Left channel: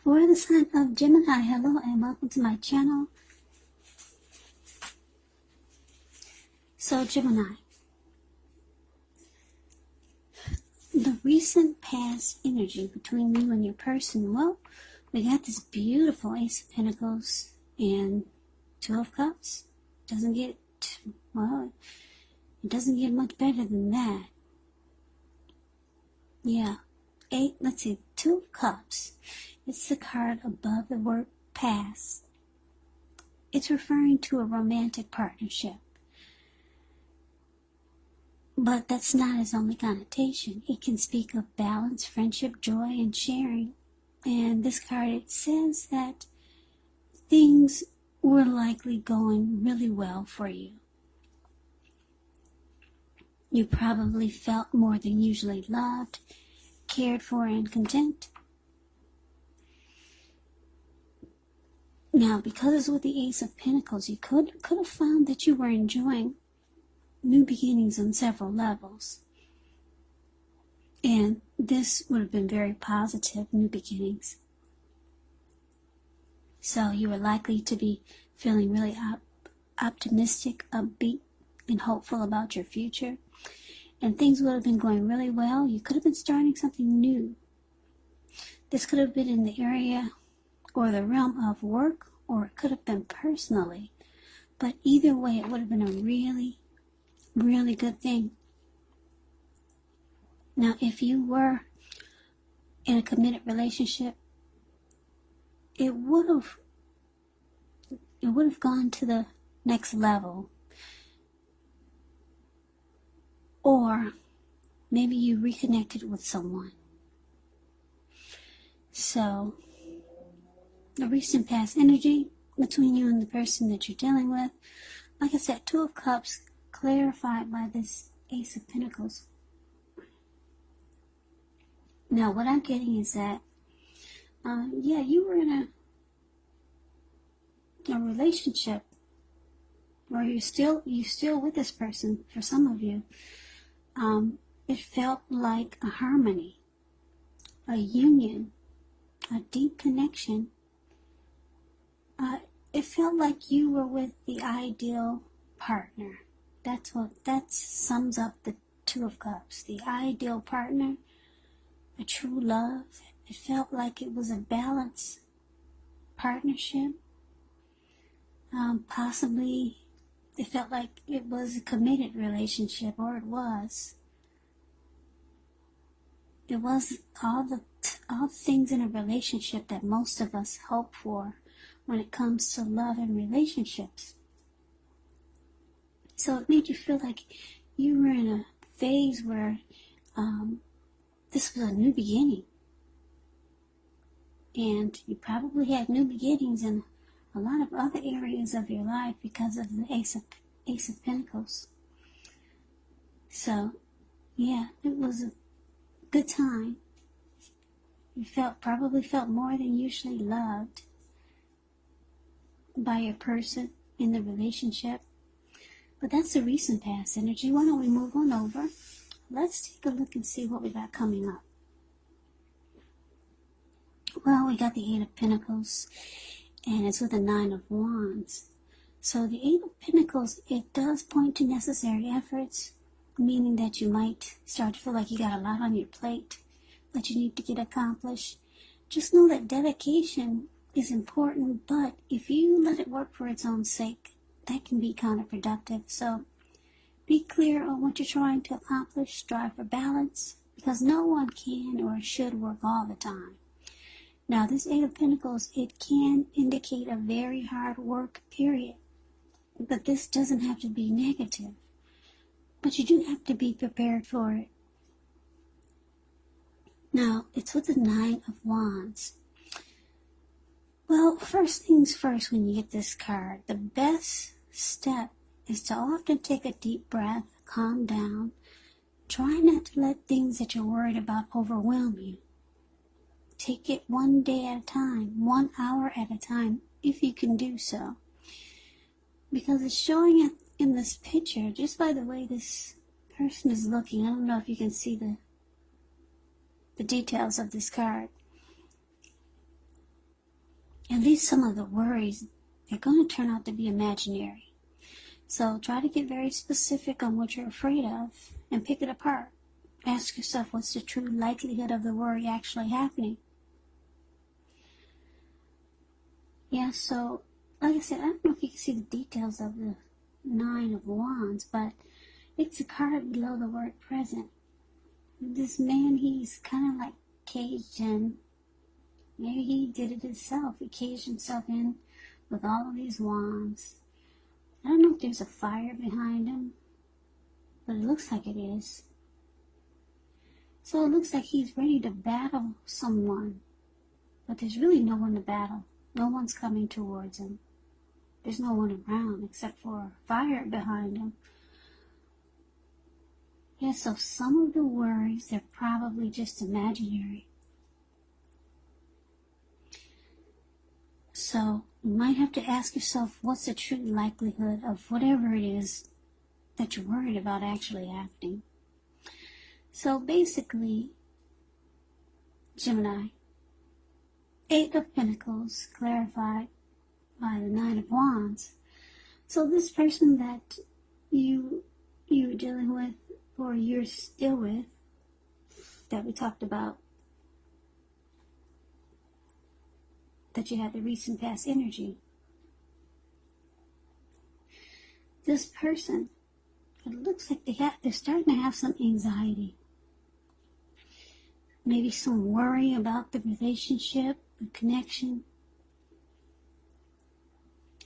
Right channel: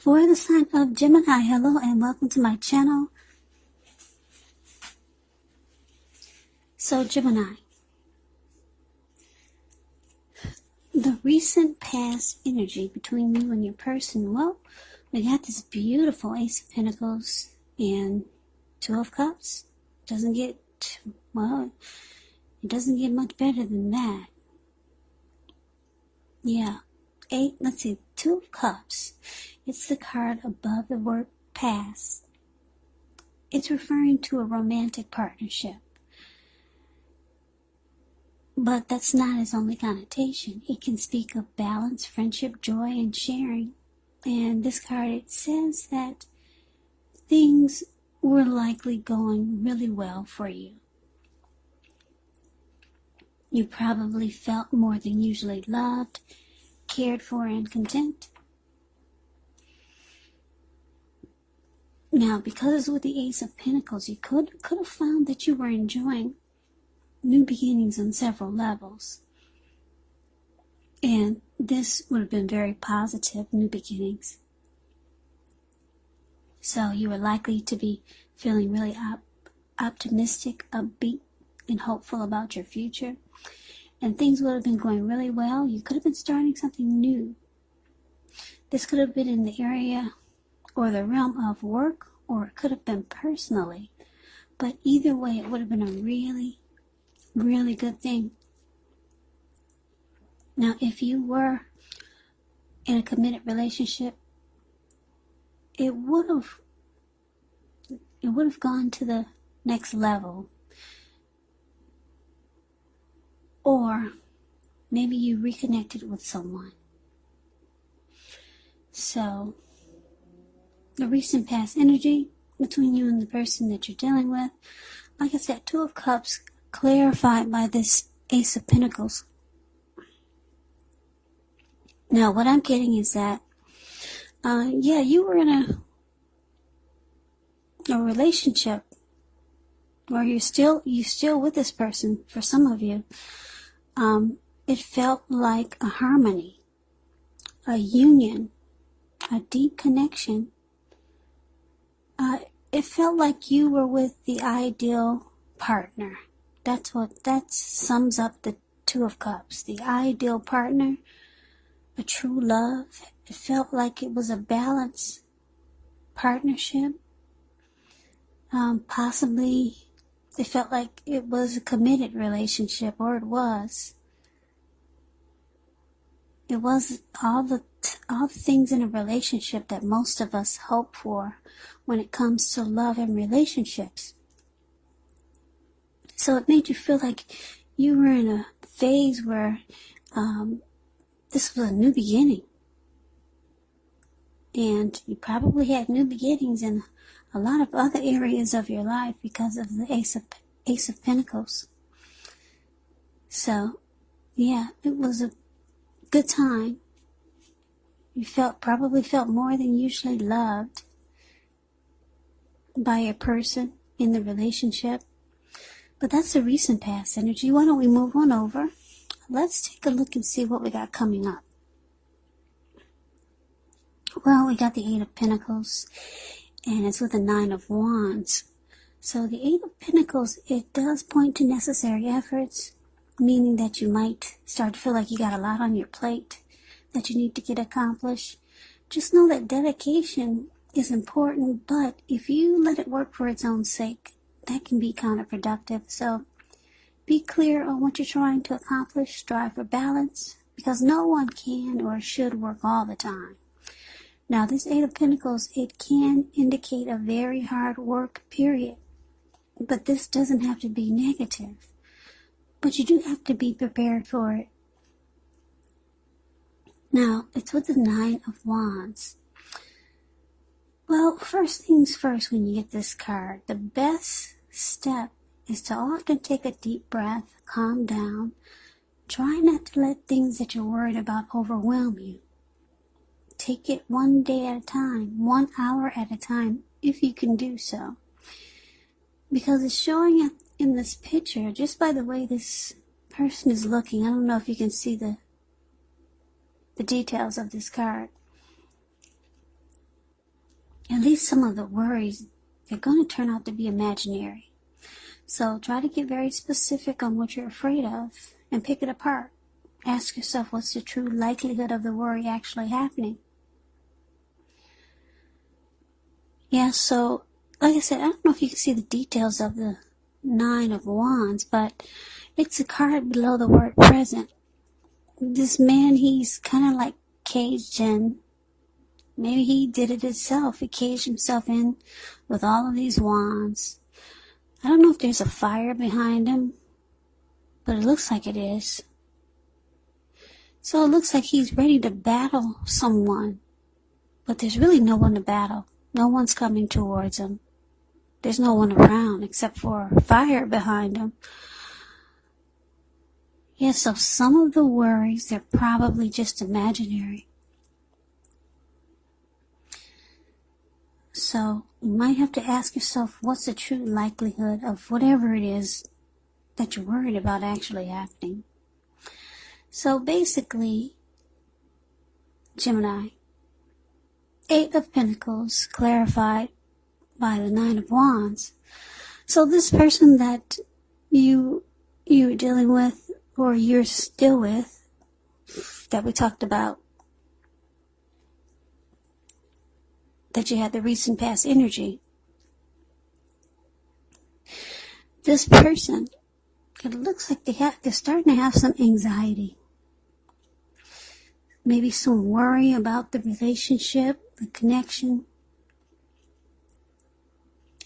For the sign of Gemini, hello and welcome to my channel. So Gemini, the recent past energy between you and your person, well, we got this beautiful Ace of Pentacles and Two of Cups. It doesn't get much better than that. Yeah. Two of Cups. It's the card above the word past. It's referring to a romantic partnership. But that's not its only connotation. It can speak of balance, friendship, joy, and sharing. And this card, it says that things were likely going really well for you. You probably felt more than usually loved, cared for, and content. Now, because with the Ace of Pentacles, you could have found that you were enjoying new beginnings on several levels. And this would have been very positive, new beginnings. So you were likely to be feeling really optimistic, upbeat, and hopeful about your future. And things would have been going really well. You could have been starting something new. This could have been in the area or the realm of work, or it could have been personally. But either way, it would have been a really, really good thing. Now, if you were in a committed relationship, it would have gone to the next level. Or maybe you reconnected with someone. So, the recent past energy between you and the person that you're dealing with, like I said, Two of Cups clarified by this Ace of Pentacles. Now, what I'm getting is that, you were in a relationship where you still with this person. For some of you, it felt like a harmony, a union, a deep connection. It felt like you were with the ideal partner. That sums up the Two of Cups. The ideal partner, a true love. It felt like it was a balanced partnership. Possibly it felt like it was a committed relationship, or it was. It was all the things in a relationship that most of us hope for when it comes to love and relationships. So it made you feel like you were in a phase where this was a new beginning. And you probably had new beginnings in a lot of other areas of your life because of the Ace of Pentacles. So, yeah, it was a good time. You probably felt more than usually loved by your person in the relationship. But that's the recent past energy. Why don't we move on over? Let's take a look and see what we got coming up. Well, we got the Eight of Pentacles, and it's with the Nine of Wands. So the Eight of Pentacles, it does point to necessary efforts, meaning that you might start to feel like you got a lot on your plate that you need to get accomplished. Just know that dedication is important, but if you let it work for its own sake, that can be counterproductive. So be clear on what you're trying to accomplish. Strive for balance, because no one can or should work all the time. Now, this Eight of Pentacles, it can indicate a very hard work period, but this doesn't have to be negative. But you do have to be prepared for it. Now, it's with the Nine of Wands. Well, first things first, when you get this card, the best step is to often take a deep breath, calm down. Try not to let things that you're worried about overwhelm you. Take it one day at a time, 1 hour at a time, if you can do so. Because it's showing up in this picture, just by the way this person is looking. I don't know if you can see the details of this card. at least some of the worries, they're going to turn out to be imaginary. So try to get very specific on what you're afraid of and pick it apart. Ask yourself, what's the true likelihood of the worry actually happening? Yeah, so like I said, I don't know if you can see the details of the Nine of Wands, but it's a card below the word present. This man, he's kind of like caged in. Maybe he did it himself. He caged himself in with all of these wands. I don't know if there's a fire behind him, but it looks like it is. So it looks like he's ready to battle someone, but there's really no one to battle. No one's coming towards him. There's no one around except for fire behind him. Yeah, so some of the worries, they're probably just imaginary. So you might have to ask yourself, what's the true likelihood of whatever it is that you're worried about actually happening? So basically, Gemini, Eight of Pentacles clarified by the Nine of Wands. So this person that you're dealing with, or you're still with, that we talked about, that you had the recent past energy. This person, it looks like they're starting to have some anxiety. Maybe some worry about the relationship, the connection.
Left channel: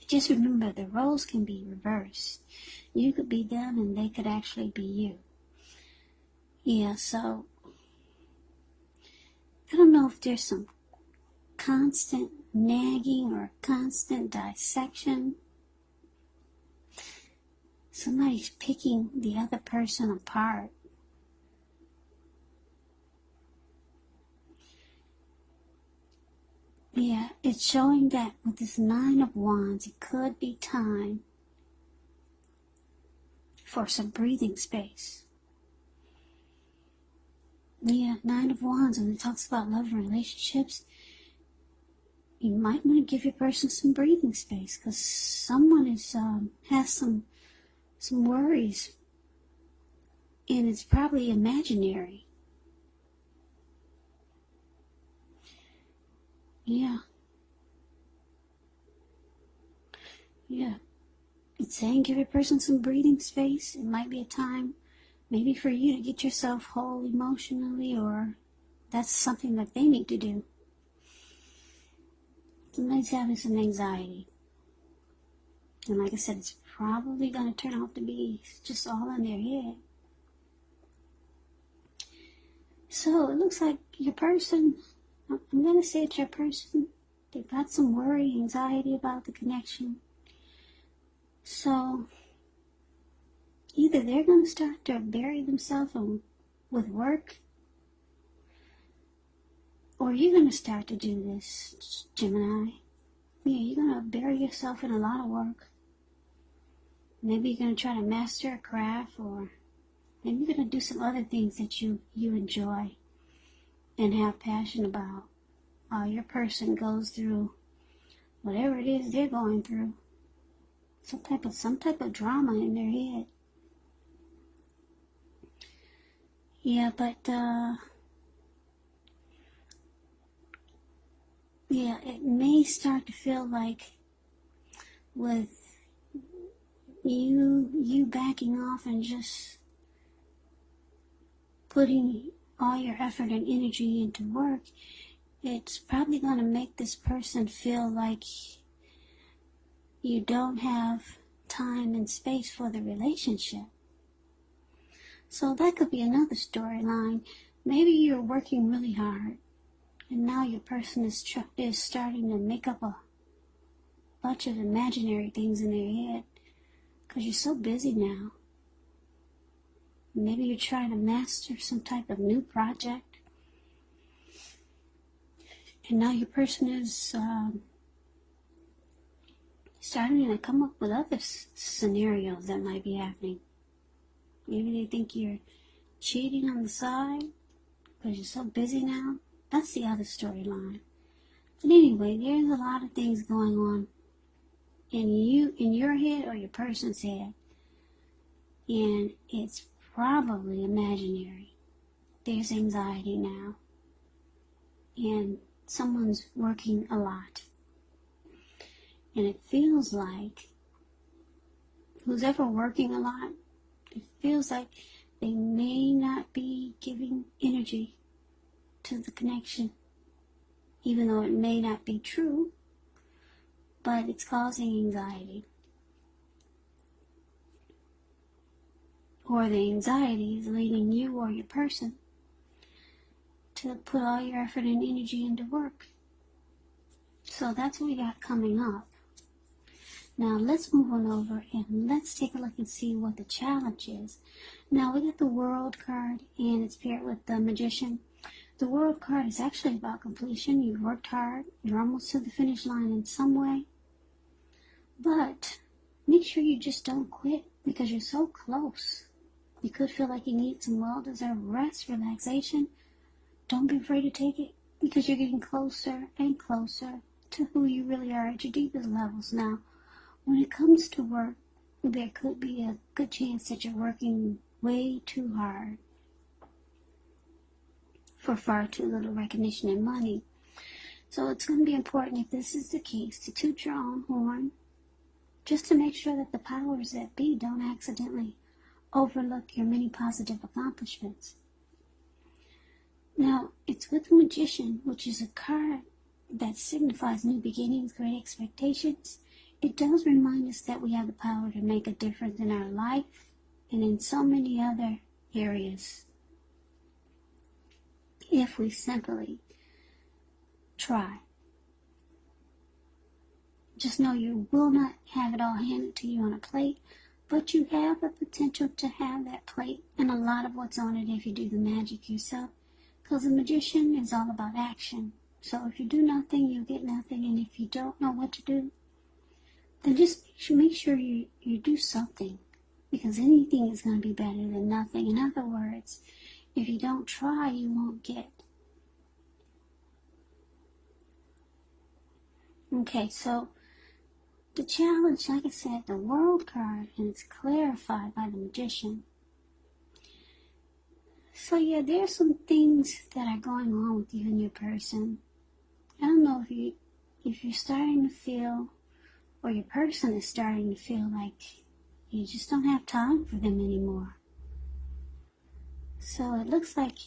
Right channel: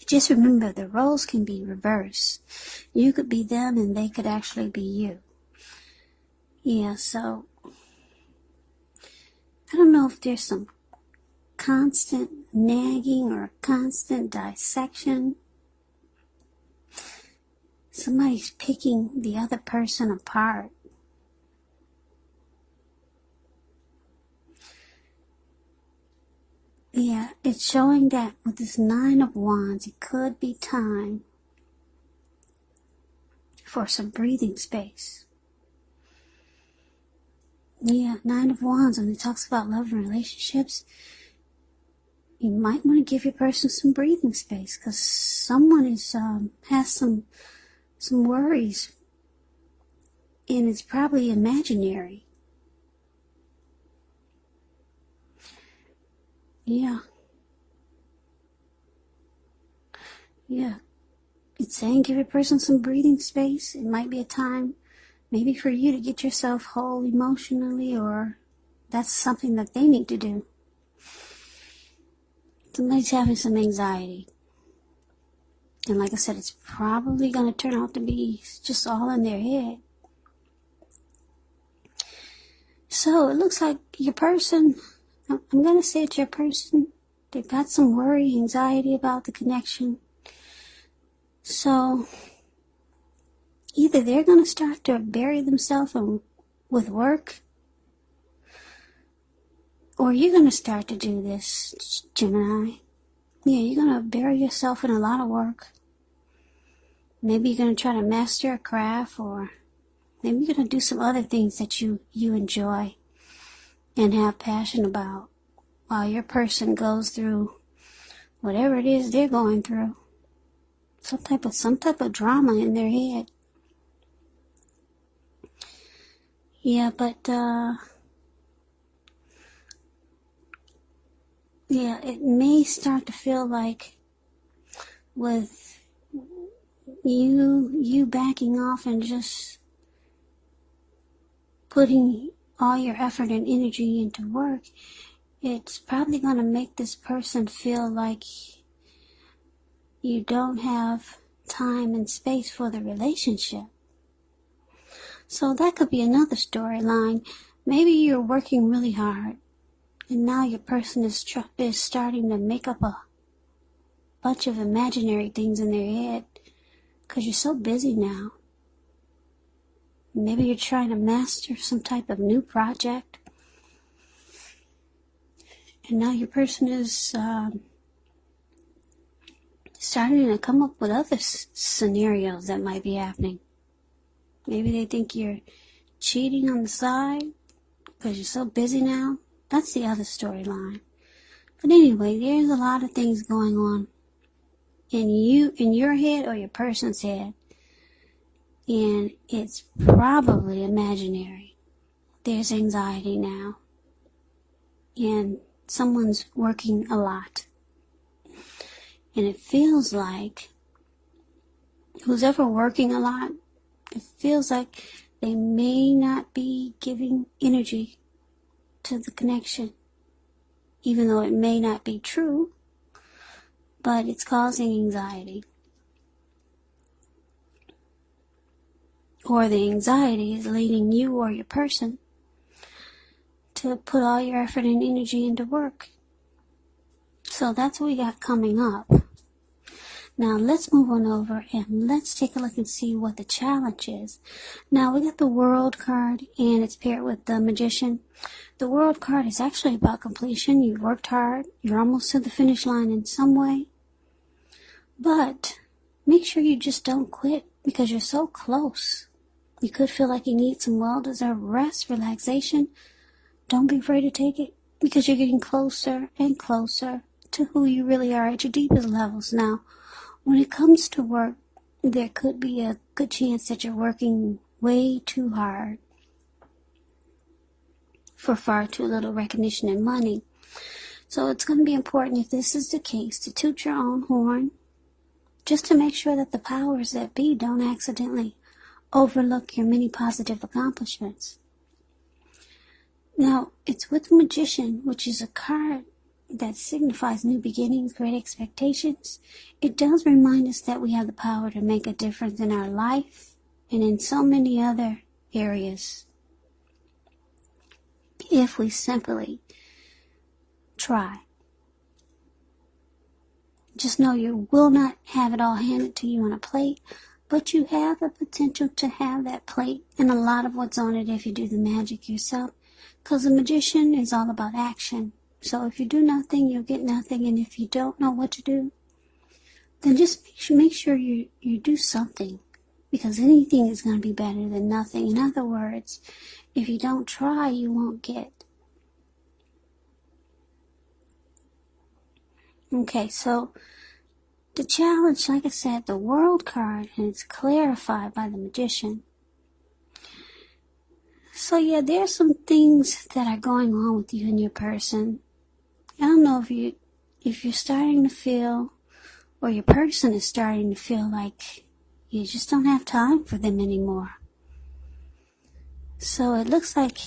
Just remember, the roles can be reversed. You could be them and they could actually be you. Yeah, so I don't know if there's some constant nagging or constant dissection. Somebody's picking the other person apart. Yeah, it's showing that with this Nine of Wands, it could be time for some breathing space. Yeah, Nine of Wands, when it talks about love and relationships, you might want to give your person some breathing space, because someone is has some worries, and it's probably imaginary. Yeah. It's saying give your person some breathing space. It might be a time maybe for you to get yourself whole emotionally, or that's something that they need to do. Somebody's having some anxiety. And like I said, it's probably going to turn out to be just all in their head. So it looks like your person, I'm going to say it's your person, they've got some worry, anxiety about the connection. So either they're going to start to bury themselves with work, or you're going to start to do this, Gemini. Yeah, you're going to bury yourself in a lot of work. Maybe you're going to try to master a craft, or maybe you're going to do some other things that you enjoy and have passion about, while your person goes through whatever it is they're going through. Some type of drama in their head. Yeah, but yeah, it may start to feel like with you backing off and just putting all your effort and energy into work, it's probably going to make this person feel like you don't have time and space for the relationship. So that could be another storyline. Maybe you're working really hard, and now your person is starting to make up a bunch of imaginary things in their head because you're so busy now. Maybe you're trying to master some type of new project, and now your person is starting to come up with other scenarios that might be happening. Maybe they think you're cheating on the side because you're so busy now. That's the other storyline. But anyway, there's a lot of things going on in your head or your person's head. And it's probably imaginary. There's anxiety now. And someone's working a lot. And it feels like who's ever working a lot, it feels like they may not be giving energy to the connection. Even though it may not be true, but it's causing anxiety. Or the anxiety is leading you or your person to put all your effort and energy into work. So that's what we got coming up. Now let's move on over and let's take a look and see what the challenge is. Now we got the World card and it's paired with the Magician. The World card is actually about completion. You've worked hard. You're almost to the finish line in some way. But make sure you just don't quit because you're so close. You could feel like you need some well-deserved rest, relaxation. Don't be afraid to take it because you're getting closer and closer to who you really are at your deepest levels. Now, when it comes to work, there could be a good chance that you're working way too hard for far too little recognition and money. So it's going to be important, if this is the case, to toot your own horn just to make sure that the powers that be don't accidentally overlook your many positive accomplishments. Now, it's with the Magician, which is a card that signifies new beginnings, great expectations. It does remind us that we have the power to make a difference in our life and in so many other areas if we simply try. Just know you will not have it all handed to you on a plate, but you have the potential to have that plate and a lot of what's on it if you do the magic yourself. Because the Magician is all about action. So if you do nothing, you'll get nothing. And if you don't know what to do, then just make sure you do something. Because anything is going to be better than nothing. In other words, if you don't try, you won't get. Okay, so the challenge, like I said, the World card, and it's clarified by the Magician. So yeah, there are some things that are going on with you and your person. I don't know if you're starting to feel, or your person is starting to feel like you just don't have time for them anymore. So it looks like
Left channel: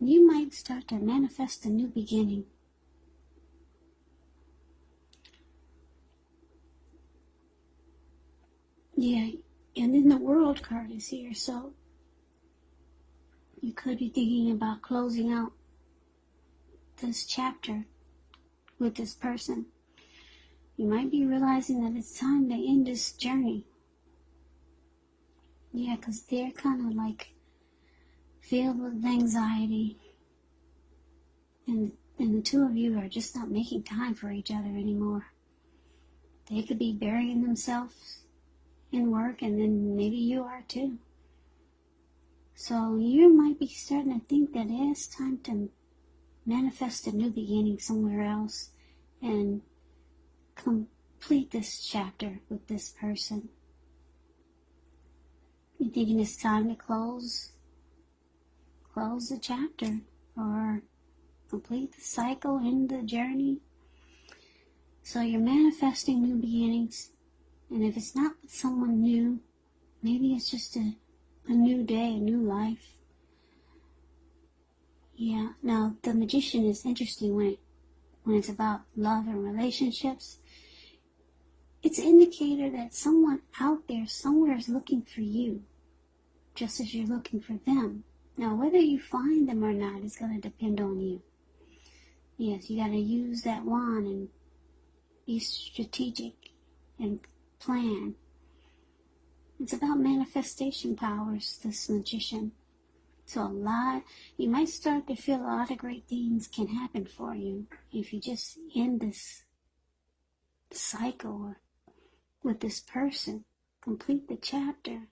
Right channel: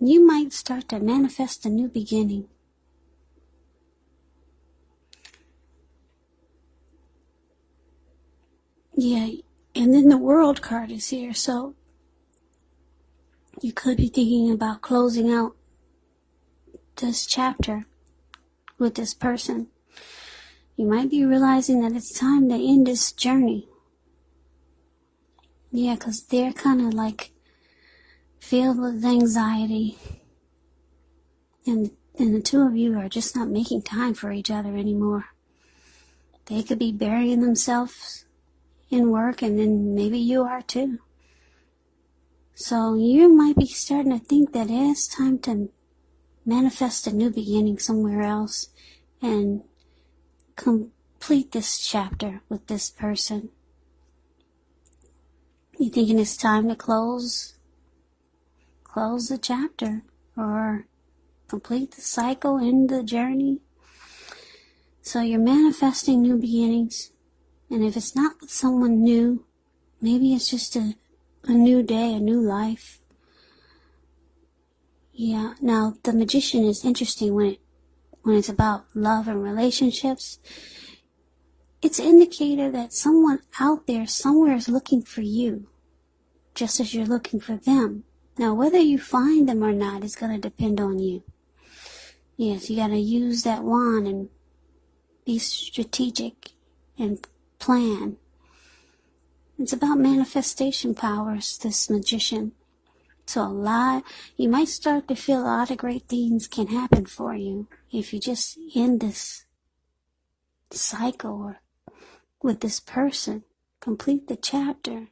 you might start to manifest a new beginning. Yeah, and then the World card is here, so you could be thinking about closing out this chapter with this person. You might be realizing that it's time to end this journey. Yeah, because they're kind of like filled with anxiety. And the two of you are just not making time for each other anymore. They could be burying themselves in work, and then maybe you are too. So you might be starting to think that it's time to manifest a new beginning somewhere else and complete this chapter with this person. You thinking it's time to close the chapter or complete the cycle, end the journey. So you're manifesting new beginnings. And if it's not with someone new, maybe it's just a new day, a new life. Yeah, now the Magician is interesting when it's about love and relationships. It's an indicator that someone out there somewhere is looking for you, just as you're looking for them. Now, whether you find them or not is going to depend on you. Yes, you got to use that wand and be strategic and plan. It's about manifestation powers, this Magician. So you might start to feel a lot of great things can happen for you if you just end this cycle with this person, complete the chapter.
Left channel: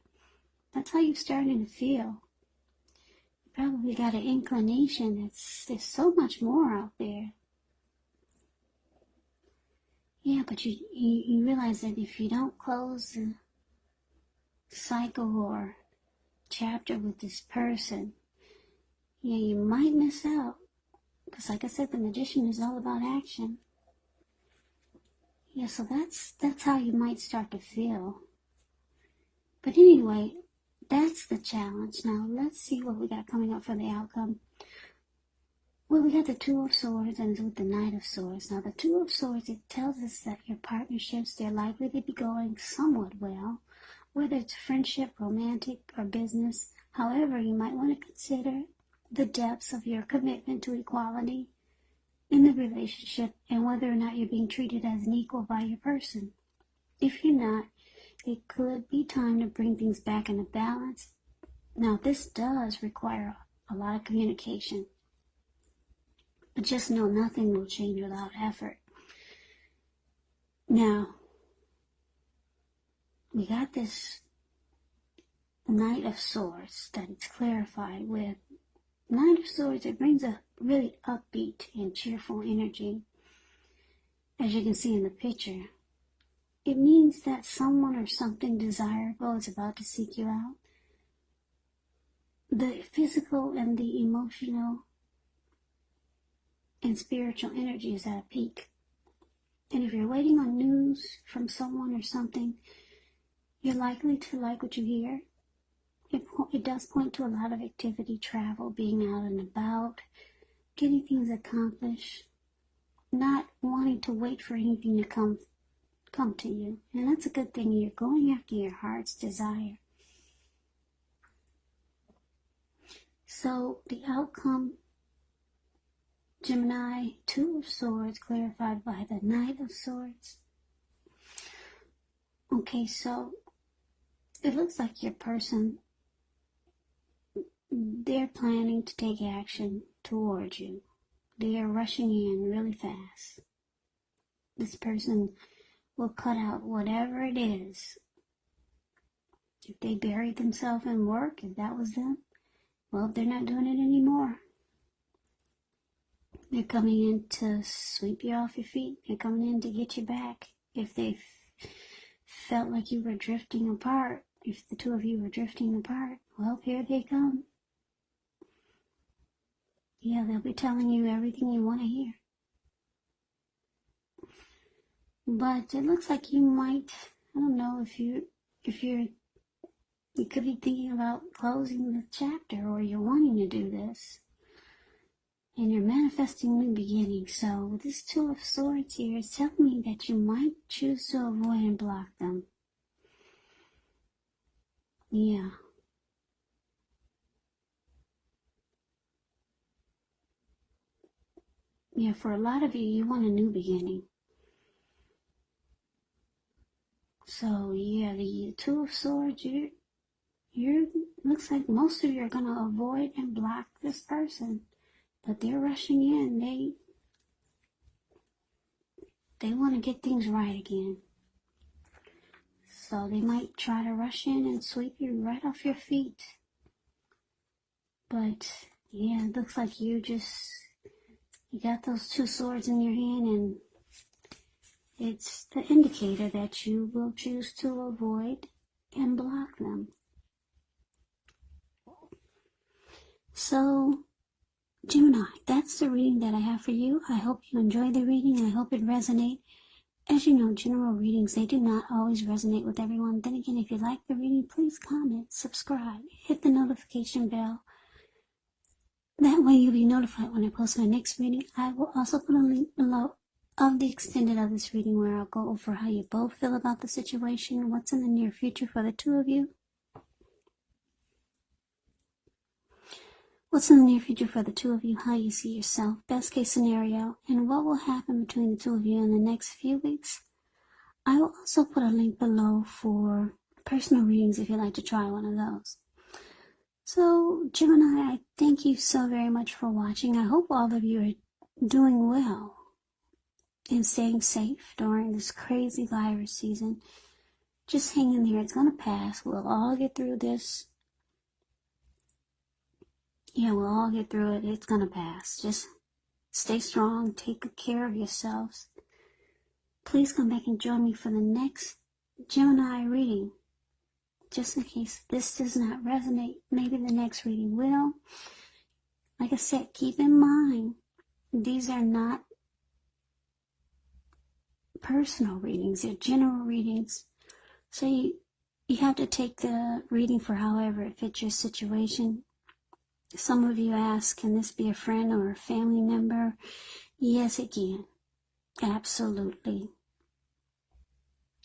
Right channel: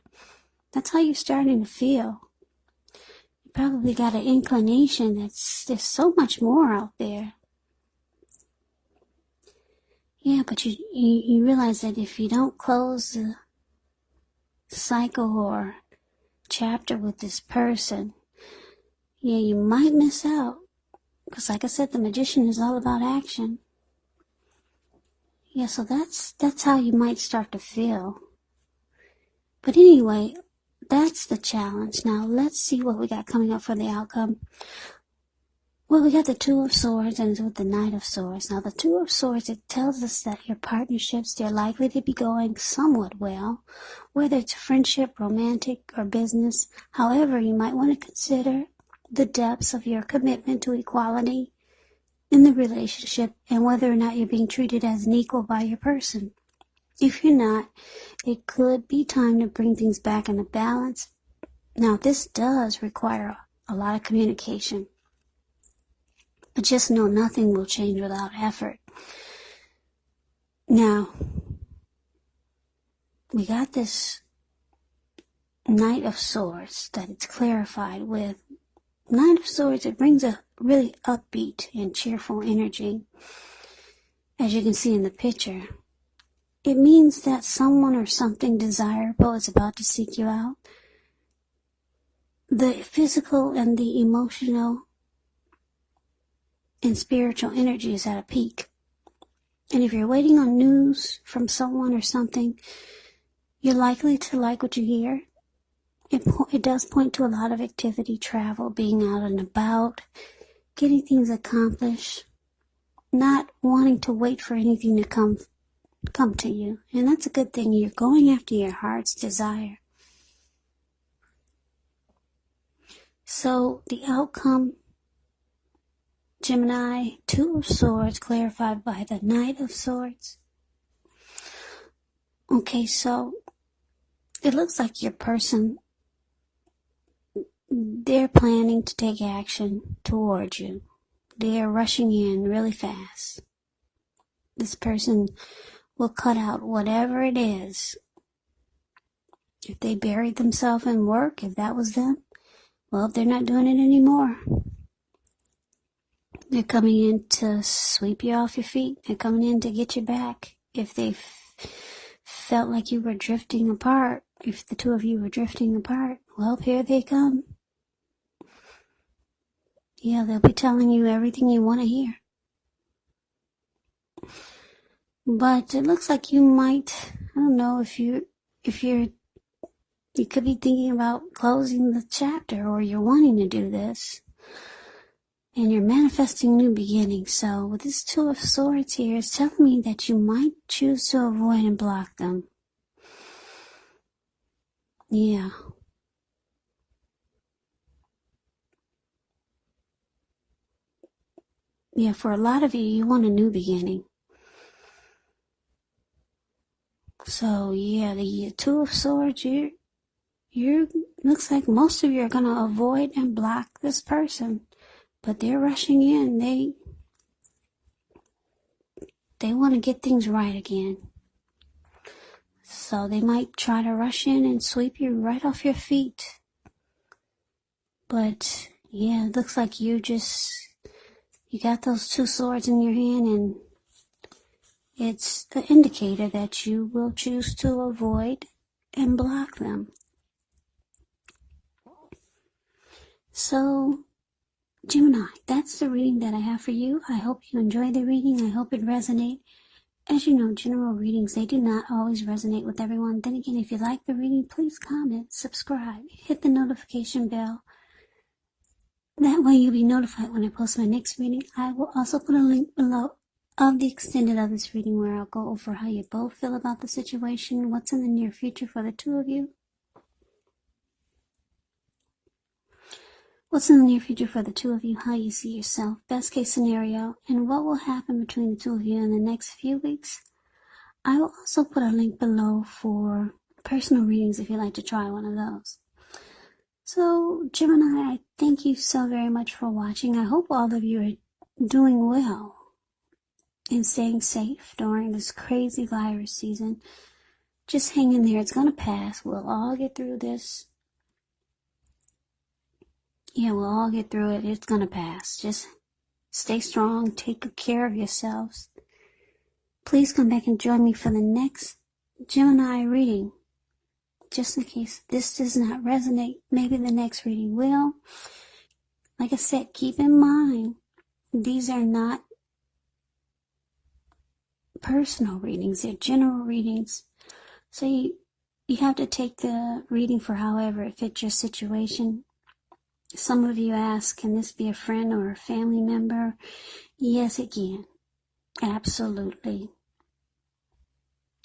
That's how you're starting to feel. You probably got an inclination that there's so much more out there Yeah, but you realize that if you don't close the cycle or chapter with this person, yeah, you might miss out. Because like I said, the Magician is all about action. Yeah, so that's how you might start to feel. But anyway, that's the challenge. Now, let's see what we got coming up for the outcome. Well, we got the Two of Swords and with the Knight of Swords. Now, the Two of Swords, it tells us that your partnerships, they're likely to be going somewhat well, whether it's friendship, romantic, or business. However, you might want to consider the depths of your commitment to equality in the relationship and whether or not you're being treated as an equal by your person. If you're not, it could be time to bring things back into balance. Now, this does require a lot of communication. But just know nothing will change without effort. Now, we got this Knight of Swords that it's clarified with. Knight of Swords, it brings a really upbeat and cheerful energy. As you can see in the picture, it means that someone or something desirable is about to seek you out. The physical and the emotional and spiritual energy is at a peak. And if you're waiting on news from someone or something, you're likely to like what you hear. It does point to a lot of activity, travel, being out and about, getting things accomplished, not wanting to wait for anything to come to you. And that's a good thing. You're going after your heart's desire. So the outcome, Gemini, Two of Swords, clarified by the Knight of Swords. Okay, so it looks like your person, they're planning to take action towards you. They're rushing in really fast. This person will cut out whatever it is. If they buried themselves in work, if that was them, well, they're not doing it anymore. They're coming in to sweep you off your feet. They're coming in to get you back. If they felt like you were drifting apart, if the two of you were drifting apart, well, here they come. Yeah, they'll be telling you everything you want to hear. But it looks like you might, I don't know, you could be thinking about closing the chapter, or you're wanting to do this. And you're manifesting new beginnings. So with this Two of Swords here, it's telling me that you might choose to avoid and block them. Yeah. Yeah, for a lot of you, you want a new beginning. So yeah, the Two of Swords, you're looks like most of you are gonna avoid and block this person. But they're rushing in. They want to get things right again. So they might try to rush in and sweep you right off your feet. But yeah, it looks like you got those two swords in your hand, and it's an indicator that you will choose to avoid and block them. So, Gemini, that's the reading that I have for you. I hope you enjoyed the reading. I hope it resonates. As you know, general readings, they do not always resonate with everyone. Then again, if you like the reading, please comment, subscribe, hit the notification bell. That way you'll be notified when I post my next reading. I will also put a link below of the extended of this reading where I'll go over how you both feel about the situation, what's in the near future for the two of you. What's in the near future for the two of you, how you see yourself, best case scenario, and what will happen between the two of you in the next few weeks. I will also put a link below for personal readings if you'd like to try one of those. So, Gemini, I thank you so very much for watching. I hope all of you are doing well and staying safe during this crazy virus season. Just hang in there. It's going to pass. We'll all get through this. Yeah, we'll all get through it. It's going to pass. Just stay strong. Take good care of yourselves. Please come back and join me for the next Gemini reading. Just in case this does not resonate, maybe the next reading will. Like I said, keep in mind, these are not personal readings, they're general readings. So you have to take the reading for however it fits your situation. Some of you ask, can this be a friend or a family member? Yes, it can. Absolutely.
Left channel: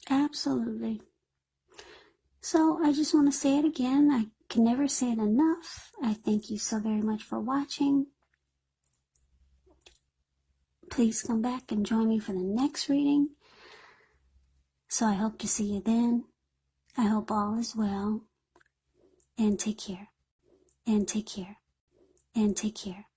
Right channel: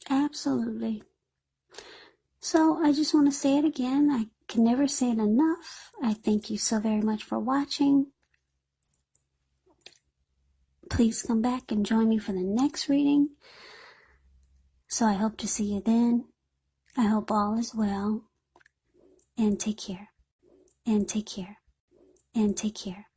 Absolutely. So I just want to say it again. I can never say it enough. I thank you so very much for watching. Please come back and join me for the next reading. So I hope to see you then. I hope all is well. And take care. And take care. And take care.